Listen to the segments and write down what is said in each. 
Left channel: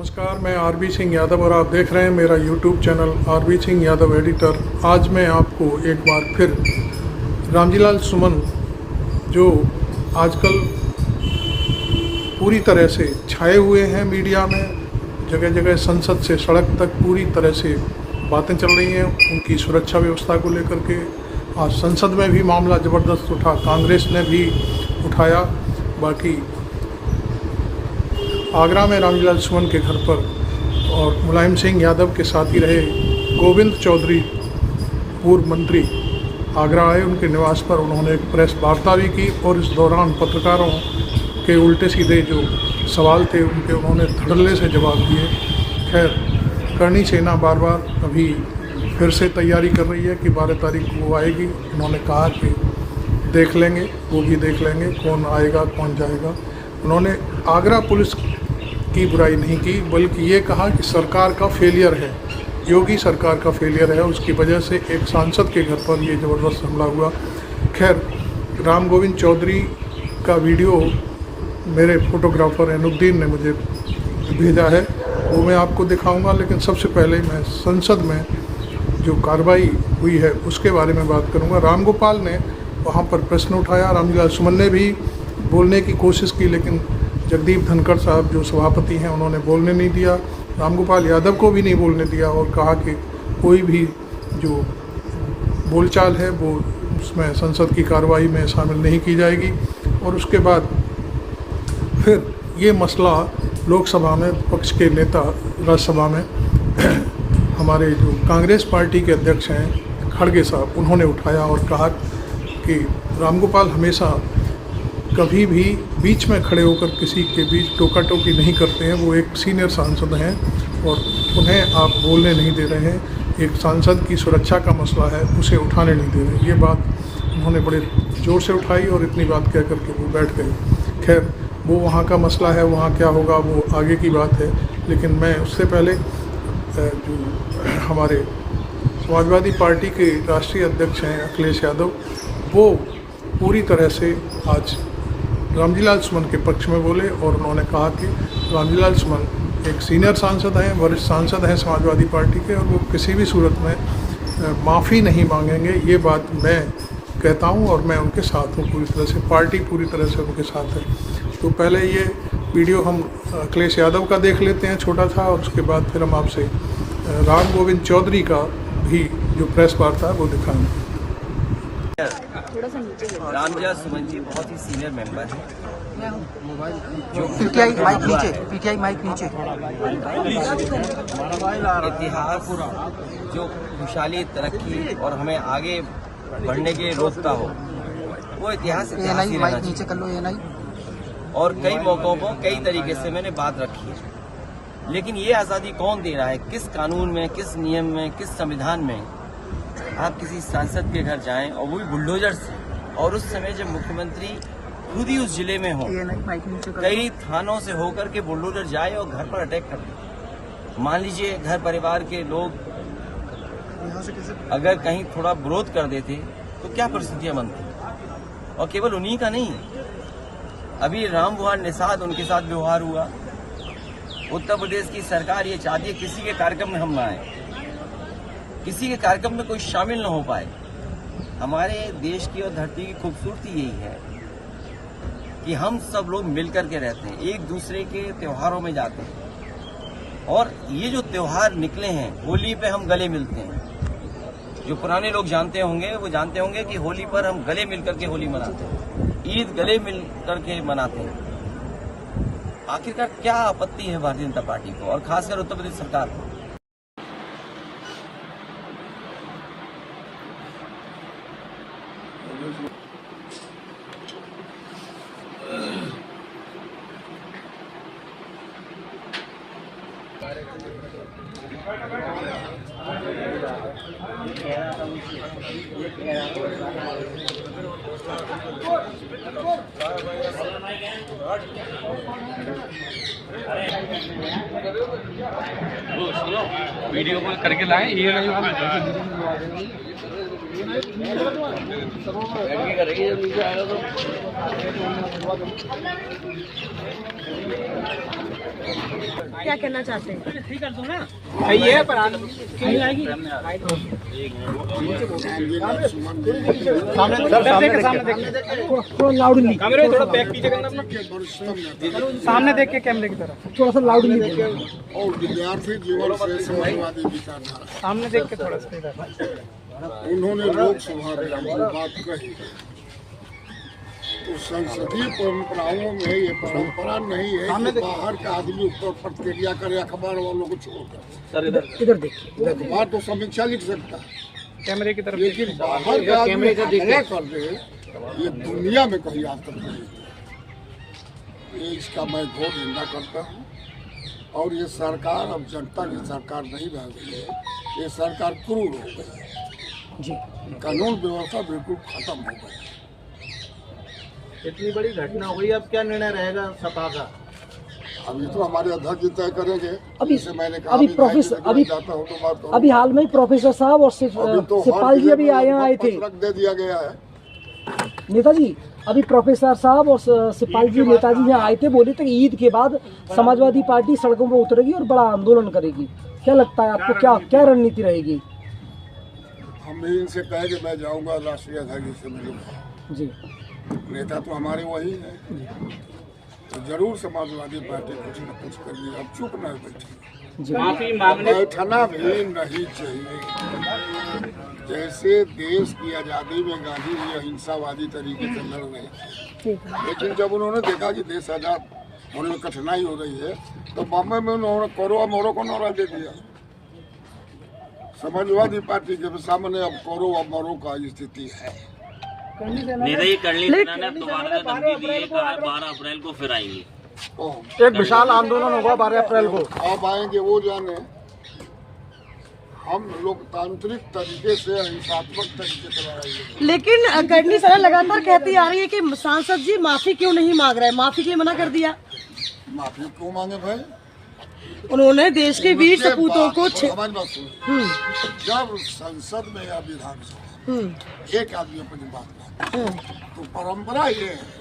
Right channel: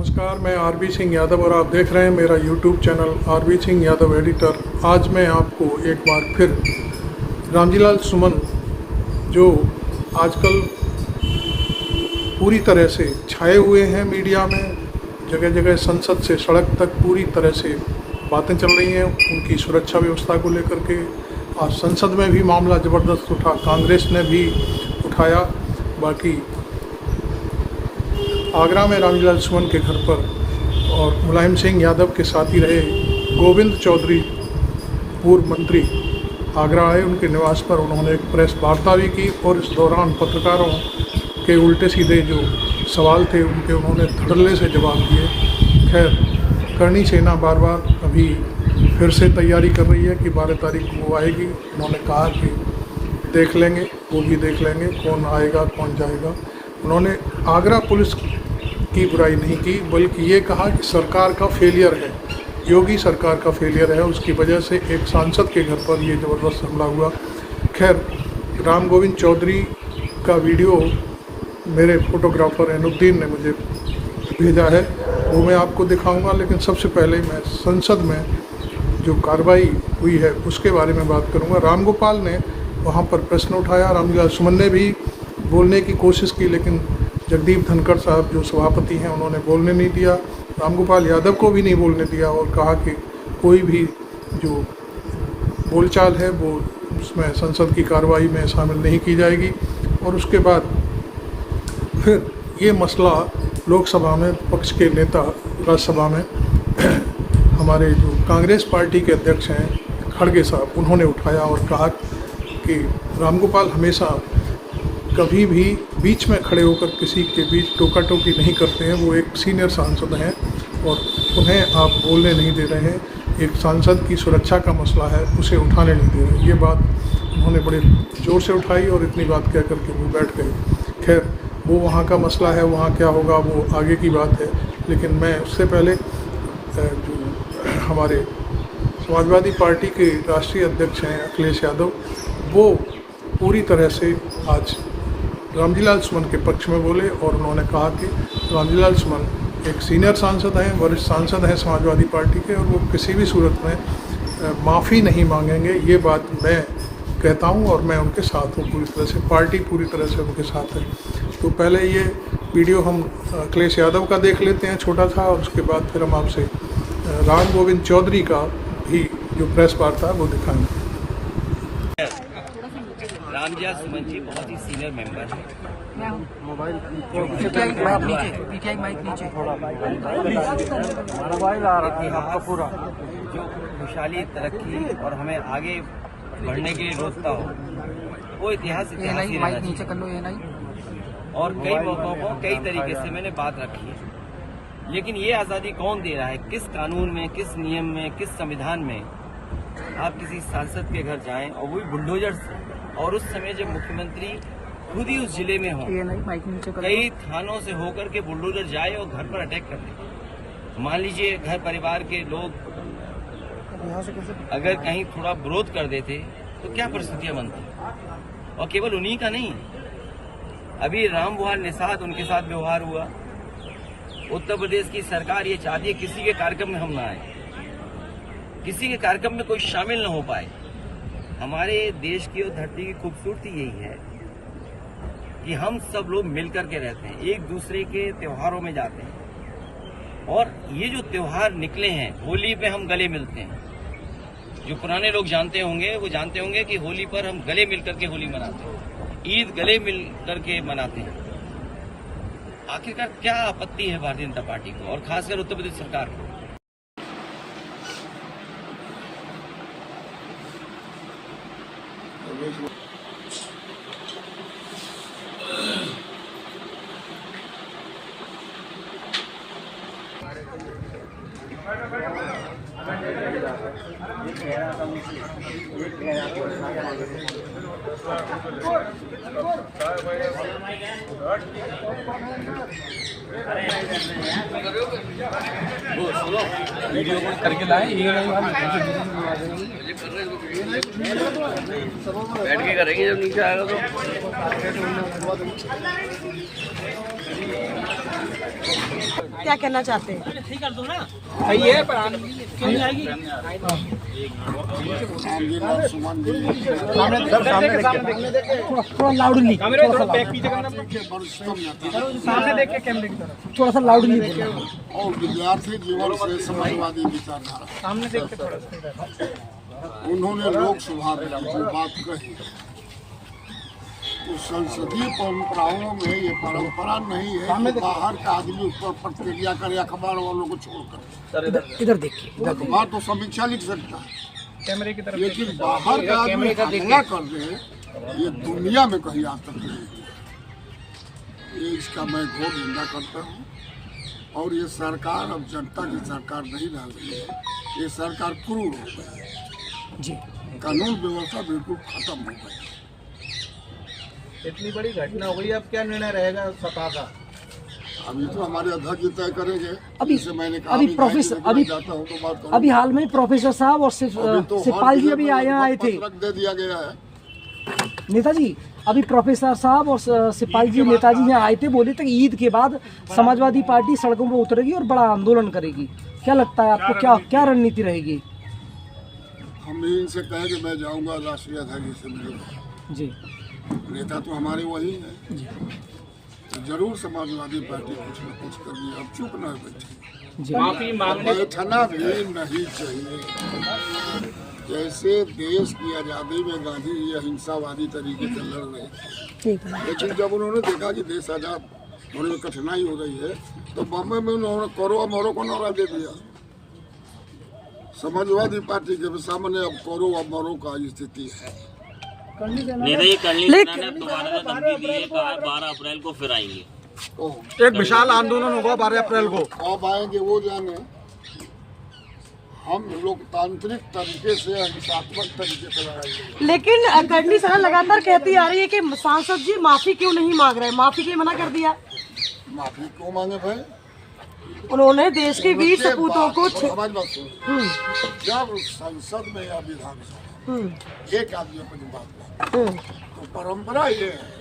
नमस्कार, मैं आरबी सिंह यादव और आप देख रहे हैं मेरा YouTube channel RB Singh Yadav editor. आज मैं आपको एक बार फिर रामजीलाल सुमन जो आजकल पूरी तरह से छाए हुए हैं मीडिया में, जगह जगह संसद से सड़क तक पूरी तरह से बातें चल रही हैं उनकी सुरक्षा व्यवस्था को लेकर के। आज संसद में भी मामला ज़बरदस्त उठा, कांग्रेस ने भी उठाया। बाकी आगरा में रामजीलाल सुमन के घर पर और मुलायम सिंह यादव के साथी रहे गोविंद चौधरी पूर्व मंत्री आगरा आए, उनके निवास पर उन्होंने एक प्रेस वार्ता भी की और इस दौरान पत्रकारों के उल्टे सीधे जो सवाल थे उनके उन्होंने धड़ल्ले से जवाब दिए। खैर, करणी सेना बार बार अभी फिर से तैयारी कर रही है कि 12 तारीख को वो आएगी। उन्होंने कहा कि देख लेंगे, वो भी देख लेंगे कौन आएगा कौन जाएगा। उन्होंने आगरा पुलिस की बुराई नहीं की, बल्कि ये कहा कि सरकार का फेलियर है, योगी सरकार का फेलियर है, उसकी वजह से एक सांसद के घर पर ये ज़बरदस्त हमला हुआ। खैर, राम गोविंद चौधरी का वीडियो मेरे फोटोग्राफर एनुद्दीन ने मुझे भेजा है, वो मैं आपको दिखाऊंगा। लेकिन सबसे पहले मैं संसद में जो कार्रवाई हुई है उसके बारे में बात करूंगा। राम गोपाल ने वहाँ पर प्रश्न उठाया, रामजीलाल सुमन ने भी बोलने की कोशिश की, लेकिन जगदीप धनखड़ साहब जो सभापति हैं उन्होंने बोलने नहीं दिया। रामगोपाल यादव को भी नहीं बोलने दिया और कहा कि कोई भी जो बोलचाल है वो उसमें संसद की कार्रवाई में शामिल नहीं की जाएगी। और उसके बाद फिर ये मसला लोकसभा में पक्ष के नेता, राज्यसभा में हमारे जो कांग्रेस पार्टी के अध्यक्ष हैं खड़गे साहब, उन्होंने उठाया और कहा कि रामगोपाल हमेशा कभी भी बीच में खड़े होकर किसी के बीच टोका टोकी नहीं करते हैं। वो एक सीनियर सांसद हैं और उन्हें आप बोलने नहीं दे रहे हैं। एक सांसद की सुरक्षा का मसला है, उसे उठाने नहीं दे रहे। ये बात उन्होंने बड़े ज़ोर से उठाई और इतनी बात कह करके वो बैठ गए। खैर, वो वहाँ का मसला है, वहाँ क्या होगा वो आगे की बात है। लेकिन मैं उससे पहले जो हमारे समाजवादी पार्टी के राष्ट्रीय अध्यक्ष हैं अखिलेश यादव, वो पूरी तरह से आज रामजीलाल सुमन के पक्ष में बोले और उन्होंने कहा कि रामजीलाल सुमन एक सीनियर सांसद हैं, वरिष्ठ सांसद हैं समाजवादी पार्टी के, और वो किसी भी सूरत में माफ़ी नहीं मांगेंगे। ये बात मैं कहता हूं और मैं उनके साथ हूं पूरी तरह से, पार्टी पूरी तरह से उनके साथ है। तो पहले ये वीडियो हम अखिलेश यादव का देख लेते हैं, छोटा था, और उसके बाद फिर हम आपसे राम गोविंद चौधरी का भी जो प्रेस वार्ता है वो दिखाएंगे। रामजीलाल सुमन जी बहुत ही सीनियर मेंबर हैं। पीटीआई माइक नीचे। इतिहास जो खुशहाली, तरक्की और हमें आगे बढ़ने के लिए रोकता हो, वो इतिहास ही माइक नीचे कर लो। और कई मौकों पर कई तरीके से मैंने बात रखी है, लेकिन ये आज़ादी कौन दे रहा है? किस कानून में, किस नियम में, किस संविधान में आप किसी सांसद के घर जाएं और वही बुलडोजर से, और उस समय जब मुख्यमंत्री खुद ही उस जिले में हो, कई थानों से होकर के बुलडोजर जाए और घर पर अटैक कर दे। मान लीजिए घर परिवार के लोग अगर कहीं थोड़ा विरोध कर देते तो क्या परिस्थितियां बनती। और केवल उन्हीं का नहीं, अभी राम विहार निषाद, उनके साथ व्यवहार हुआ। उत्तर प्रदेश की सरकार ये चाहती है किसी के कार्यक्रम में हम ना आए, किसी के कार्यक्रम में कोई शामिल न हो पाए। हमारे देश की और धरती की खूबसूरती यही है कि हम सब लोग मिलकर के रहते हैं, एक दूसरे के त्योहारों में जाते हैं। और ये जो त्योहार निकले हैं, होली पे हम गले मिलते हैं। जो पुराने लोग जानते होंगे वो जानते होंगे कि होली पर हम गले मिलकर के होली मनाते हैं, ईद गले मिलकर के मनाते हैं। आखिरकार क्या आपत्ति है भारतीय जनता पार्टी को और खासकर उत्तर प्रदेश सरकार को? वो सुनो, वीडियो कॉल करके लाए, ये बैठ के करेंगे जब नीचे आएगा तो। क्या कहना चाहते हैं? थोड़ा लाउडली, सामने देख के कैमरे की तरफ थोड़ा सा लाउडली और विद्यार्थी जीवन से समाजवादी विचारधारा, सामने देख के थोड़ा सा उन्होंने लोकसभा में जो बात कही, तो संसदीय परंपराओं में ये परंपरा नहीं है कि बाहर का आदमी ऊपर प्रतिक्रिया करे अखबार वालों को छोड़कर। इधर देखिए, अखबार तो समीक्षा लिख सकता है, कैमरे की तरफ लेकिन बाहर का आदमी हमला कर दे, ये दुनिया में कहीं आज तक नहीं हुआ। ये इसका मैं घोर निंदा करता हूँ। और ये सरकार अब जनता की सरकार नहीं रह गई है, ये सरकार क्रूर हो गई जी। कानून व्यवस्था बिल्कुल खत्म हो गई। इतनी बड़ी घटना हुई, अब क्या निर्णय रहेगा सपा का? अभी तो हमारे अध्यक्ष जी तय करेंगे। अभी- जैसे मैंने कहा, अभी मैं प्रोफेसर- जाके अभी- जाता हूँ तो बात करूँ। अभी हाल में ही प्रोफेसर साहब और अभी तो हर सिपाल जी जिले अभी में यहाँ आए थे। पत्रक दे दिया गया है। नेताजी अभी प्रोफेसर साहब और सिपाल जी नेताजी यहाँ आए थे, बोले थे कि ईद के बाद समाजवादी पार्टी सड़कों पर उतरेगी और बड़ा आंदोलन करेगी। क्या लगता है आपको, क्या रणनीति रहेगी? हम भी इनसे कहे कि मैं जाऊंगा, राष्ट्रीय अध्यक्ष जी से मिलूंगा। जी नेता तो हमारे वही है। तो जरूर समाजवादी पार्टी कुछ न कुछ कर ली, अब चुप न बैठी। जी बैठना भी नहीं चाहिए। जैसे देश की आज़ादी में गांधी जी अहिंसावादी तरीके से लड़ रहे थे, लेकिन जब उन्होंने देखा कि देश आज़ाद होने में कठिनाई हो रही है, तो बम्बई में उन्होंने कोरो मोरो को नारा दे दिया। समाजवादी पार्टी के सामने अब कोरो मोरो का स्थिति है। नहीं, करली सेना ने तुम्हारा धमकी दी है, कहा 12 अप्रैल को फिर आएंगे। एक विशाल आंदोलन होगा 12 अप्रैल को। अब आएंगे वो जाने। हम लोकतांत्रिक तरीके से, अहिंसात्मक तरीके से लड़ाई लड़ेंगे। लेकिन करनी सेना लगातार कहती आ रही है कि सांसद जी माफी क्यों नहीं मांग रहे, माफी के लिए मना कर दिया। माफी क्यों मांगे भाई? उन्होंने देश के वीर उनके सपूतों बात को हमारी बात सुनो। जब संसद में या विधानसभा एक आदमी अपनी बात लाए, तो परंपरा ये है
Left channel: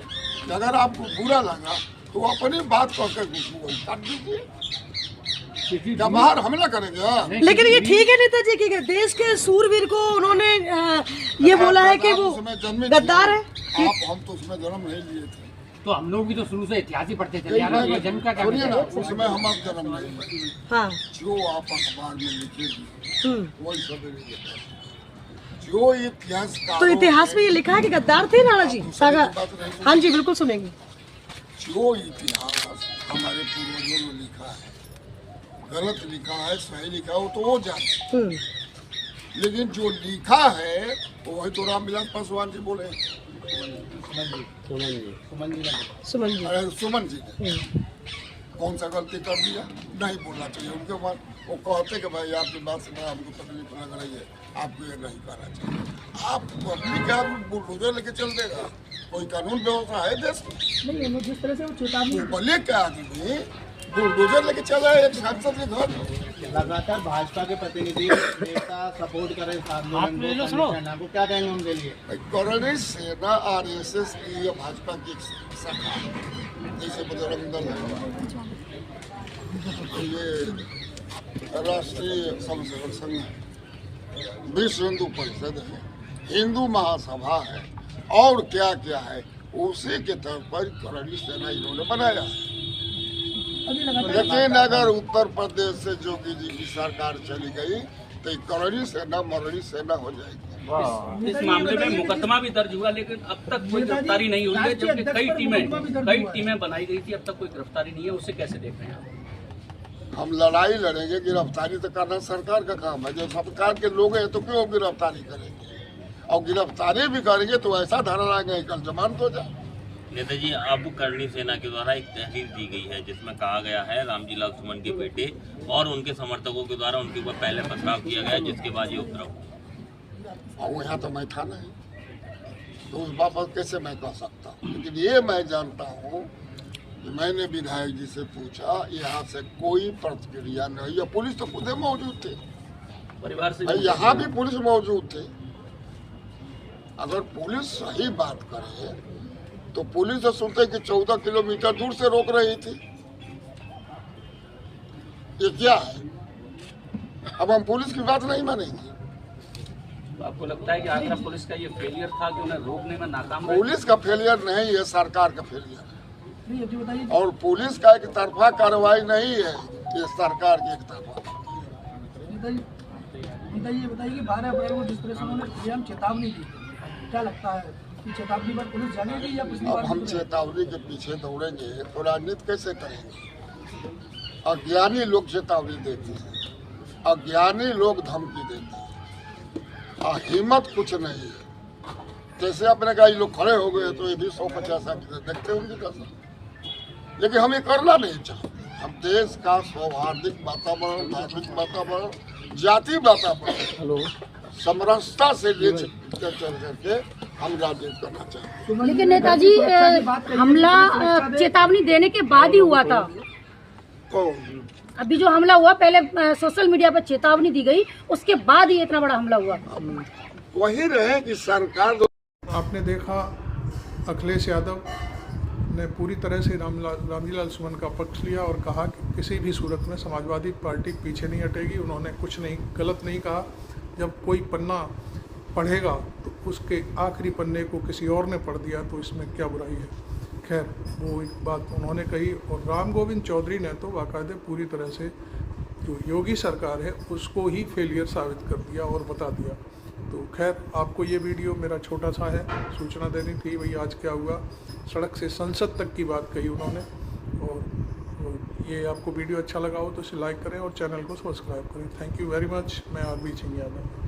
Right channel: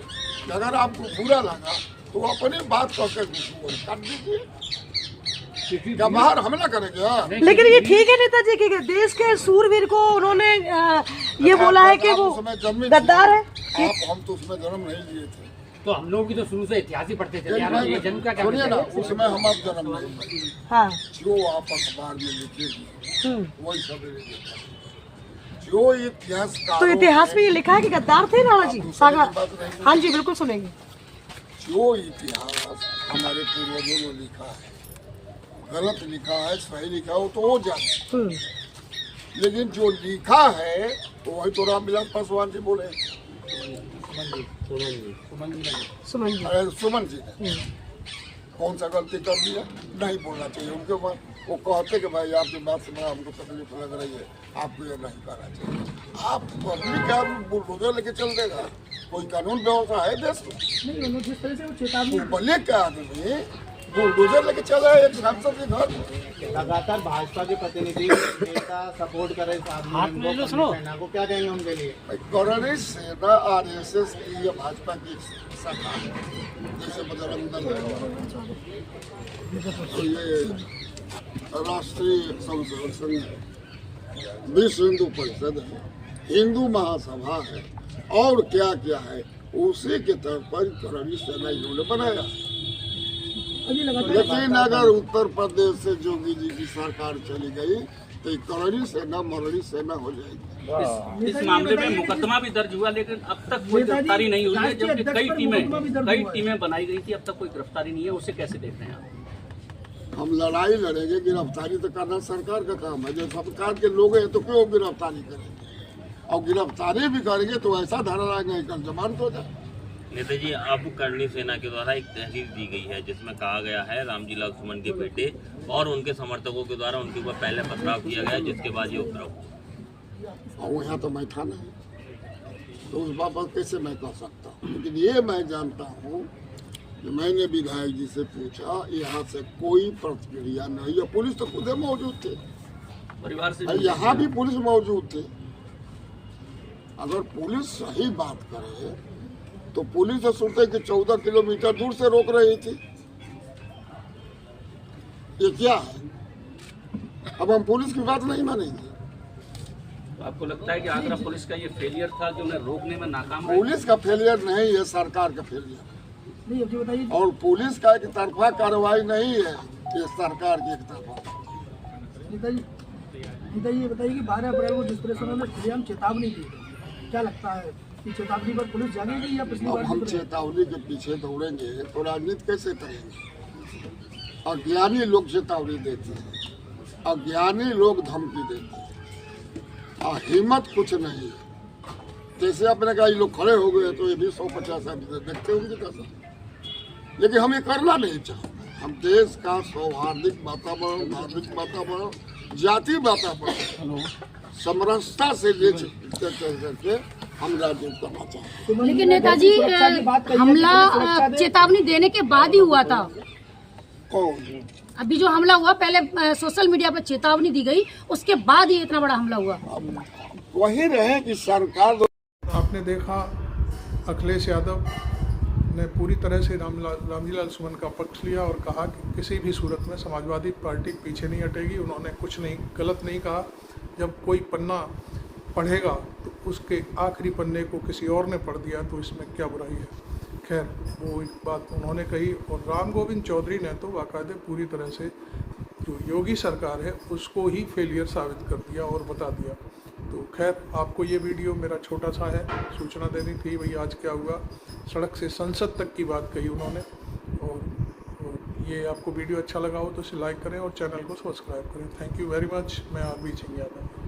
कि अगर आपको बुरा लगा तो अपनी बात करके काट दीजिए। क्या बाहर हमला करेंगे? हाँ। लेकिन ये ठीक है नेताजी कि देश के सूरवीर को उन्होंने ये बोला है कि वो उसमें जन्मे गद्दार है। हम तो उसमें जन्म नहीं लिए थे। तो हम लोग भी तो शुरू से इतिहास ही पढ़ते चले आ रहे हैं, जन्म का क्या सुनिए ना, मतलब है? उसमें हम आप जन्म नहीं लिए। हाँ जो आप अखबार में लिखेगी वही सब लिखेगा। जो इतिहास तो इतिहास में ये लिखा है कि गद्दार थे राणा जी सागर। हाँ जी बिल्कुल सुनेंगे। जो इतिहास हमारे पूर्वजों ने लिखा है, गलत लिखा है सही लिखा हो तो वो जाने, लेकिन जो लिखा है तो वही तो रामविलास पासवान जी बोले, सुमन जी अरे सुमन जी ने कौन सा गलती कर दिया? नहीं बोलना चाहिए उनके बाद। वो कहते कि भाई आपकी बात से बड़ा हमको तकलीफ लग रही है, आपको ये नहीं करना चाहिए। आप पब्लिक आदमी बुलडोजर लेके चल देगा? कोई कानून व्यवस्था है देश में? बोले क्या आदमी बुलडोजर लेके चला है एक सांसद के घर? लगातार भाजपा के प्रतिनिधि नेता सपोर्ट कर रहे इस आंदोलन को, करनी सेना को, क्या कहेंगे उनके लिए? करनी सेना आरएसएस की या भाजपा की शाखा है, जैसे बजरंग दल है, ये राष्ट्रीय संघ संघ, विश्व हिंदू परिषद है, हिंदू महासभा है, और क्या क्या है, उसी के तौर पर करनी सेना इन्होंने बनाया। लेकिन अगर उत्तर प्रदेश से जोगी जी की सरकार चली गई तो करनी सेना मरनी सेना हो जाएगी। इस मामले में मुकदमा भी दर्ज हुआ, लेकिन अब तक कोई गिरफ्तारी नहीं हुई है, जबकि कई टीमें बनाई गई थी, अब तक कोई गिरफ्तारी नहीं है। उसे कैसे देख रहे हैं आप? हम लड़ाई लड़ेंगे, गिरफ्तारी तो करना सरकार का काम है। जब सरकार के लोग हैं तो क्यों गिरफ्तारी करेंगे? और गिरफ्तारी भी करेंगे तो ऐसा धारा लाएंगे कल जमानत हो जाए। नेताजी, अब करनी सेना के द्वारा एक तहरीर दी गई है जिसमें कहा गया है रामजी लाल सुमन के बेटे और उनके समर्थकों के द्वारा उनके ऊपर पहले पथराव किया गया, जिसके बाद ये उपद्रव हुआ। और यहाँ तो मैं था नहीं, तो उस बाबत कैसे मैं कह सकता हूँ? लेकिन ये मैं जानता हूँ कि मैंने विधायक जी से पूछा, यहाँ से कोई प्रतिक्रिया नहीं है। पुलिस तो खुद मौजूद थे, परिवार से यहाँ भी पुलिस मौजूद थे। अगर पुलिस सही बात करे तो पुलिस तो सुनते कि 14 किलोमीटर दूर से रोक रही थी। ये क्या है? अब हम पुलिस की बात नहीं मानेंगे। आपको लगता है कि आगरा पुलिस का ये फेलियर था कि उन्हें रोकने में नाकाम रही? पुलिस का फेलियर नहीं है, सरकार का फेलियर है। और पुलिस का एक तरफा कार्रवाई नहीं है, ये सरकार की एक तरफा। ये बताइए कि 12 अप्रैल को जिस तरह से उन्होंने सीएम चेतावनी दी, क्या लगता है कि चेतावनी पर पुलिस जानेगी या पिछली अब बार हम चेतावनी के पीछे दौड़ेंगे तो राजनीति कैसे करेंगे? अज्ञानी लोग चेतावनी देते हैं, अज्ञानी लोग धमकी देते हैं, हिम्मत कुछ नहीं है। जैसे आपने कहा ये लोग खड़े हो गए तो ये भी 150 आदमी देखते होंगे कैसा, लेकिन हम ये करना नहीं चाहते। हम देश का सौहार्दिक वातावरण, धार्मिक वातावरण, जाति वातावरण समरसता से ले करके हम राजनीति करना चाहते हैं। लेकिन नेताजी हमला चेतावनी देने के बाद ही हुआ था। कौन? अभी जो हमला हुआ पहले सोशल मीडिया पर चेतावनी दी गई, उसके बाद ही इतना बड़ा हमला हुआ। वही रहे कि सरकार। आपने देखा अखिलेश यादव ने पूरी तरह से रामजीलाल सुमन का पक्ष लिया और कहा कि किसी भी सूरत में समाजवादी पार्टी पीछे नहीं हटेगी। उन्होंने कुछ नहीं गलत नहीं कहा। जब कोई पन्ना पढ़ेगा तो उसके आखिरी पन्ने को किसी और ने पढ़ दिया तो इसमें क्या बुराई है। खैर, वो एक बात उन्होंने कही। और राम गोविंद चौधरी ने तो बाकायदे पूरी तरह से जो योगी सरकार है उसको ही फेलियर साबित कर दिया और बता दिया। तो खैर, आपको ये वीडियो मेरा छोटा सा है, सूचना देनी थी भाई आज क्या हुआ। सड़क से संसद तक की बात कही उन्होंने। और ये आपको वीडियो अच्छा लगा हो तो इसे लाइक करें और चैनल को सब्सक्राइब करें। Thank you very much. मैं आरबी सिंह यादव।